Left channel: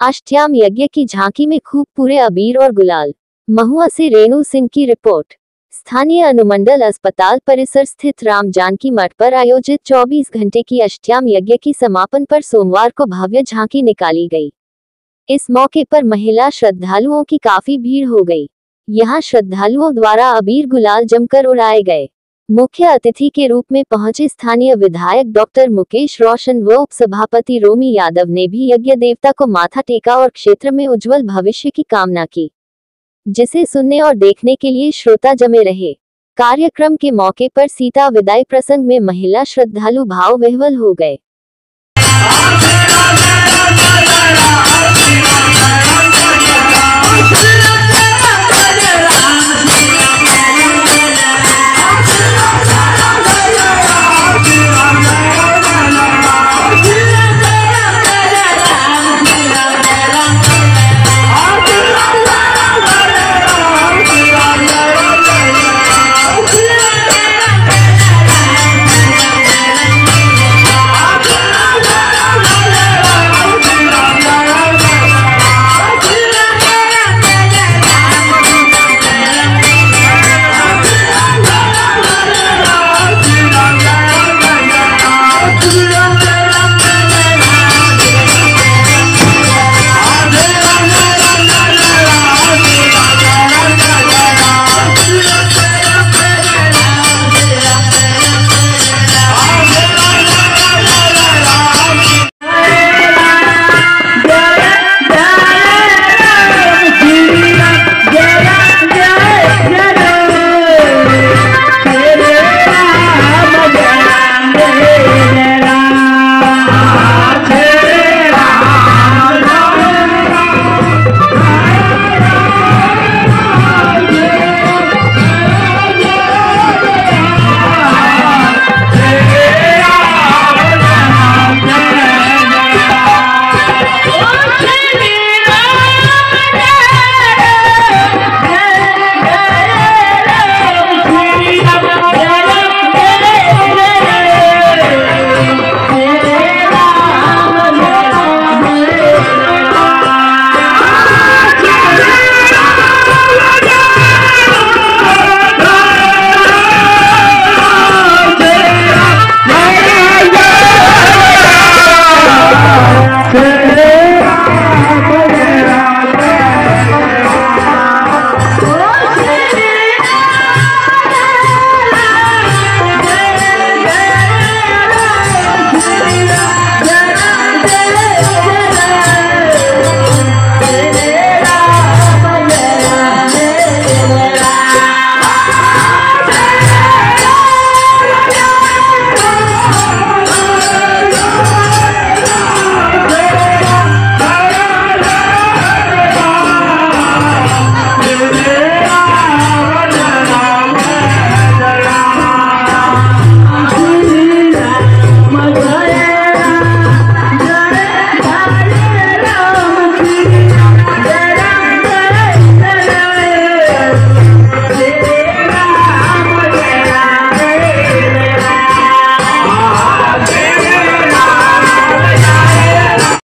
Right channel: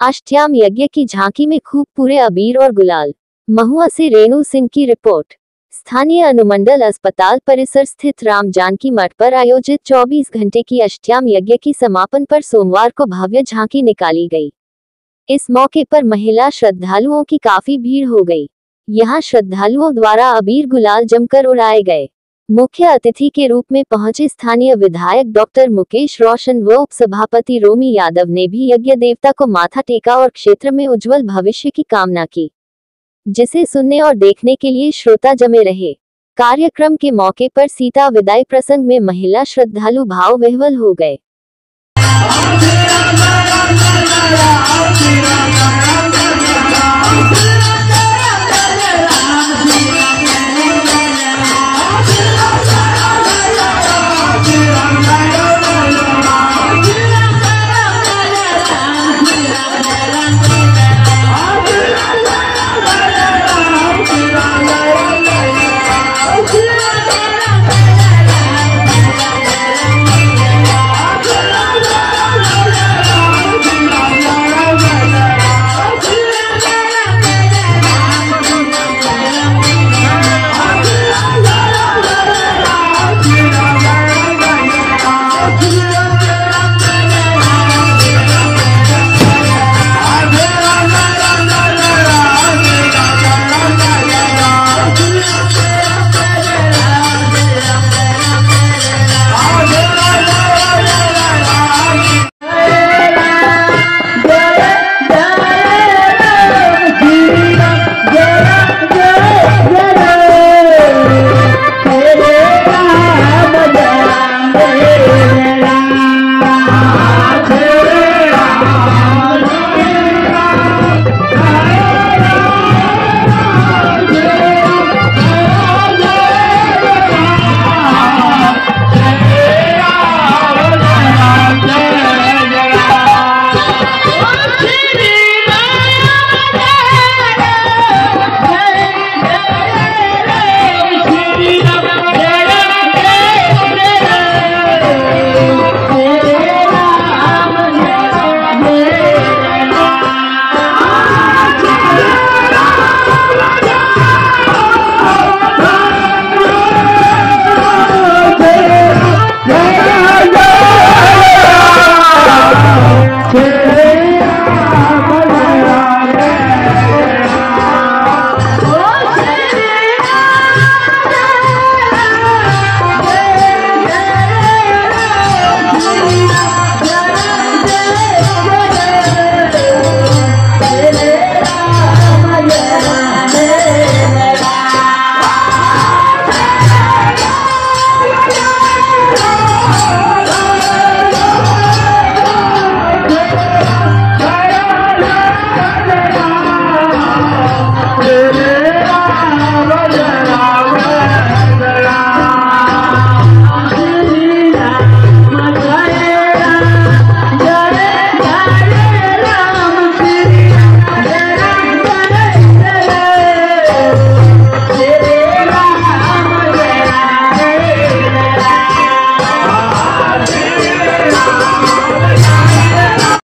अष्टयाम यज्ञ की झांकी में खूब पूरे अबीर और गुलाल। महुआ से रेणु सिंह की रिपोर्ट। स्थानीय अनुमंडल अस्पताल परिसर स्थित राम जानकी मठ पर आयोजित 24 घंटे की अष्टयाम यज्ञ की समापन पर सोमवार को भव्य झांकी निकाली गई। इस मौके पर महिला श्रद्धालुओं की काफी भीड़ हो गई। यहां श्रद्धालुओं द्वारा अबीर गुलाल जमकर उड़ाए गए। मुख्य अतिथि के रूप में पहुंचे स्थानीय विधायक डॉक्टर मुकेश रोशन व उपसभापति रोमी यादव ने भी यज्ञ देवता को माथा टेका और क्षेत्र में उज्जवल भविष्य की कामना की, जिसे सुनने और देखने के लिए श्रोता जमे रहे। कार्यक्रम के मौके पर सीता विदाई प्रसंग में महिला श्रद्धालु भाव विह्वल हो गए।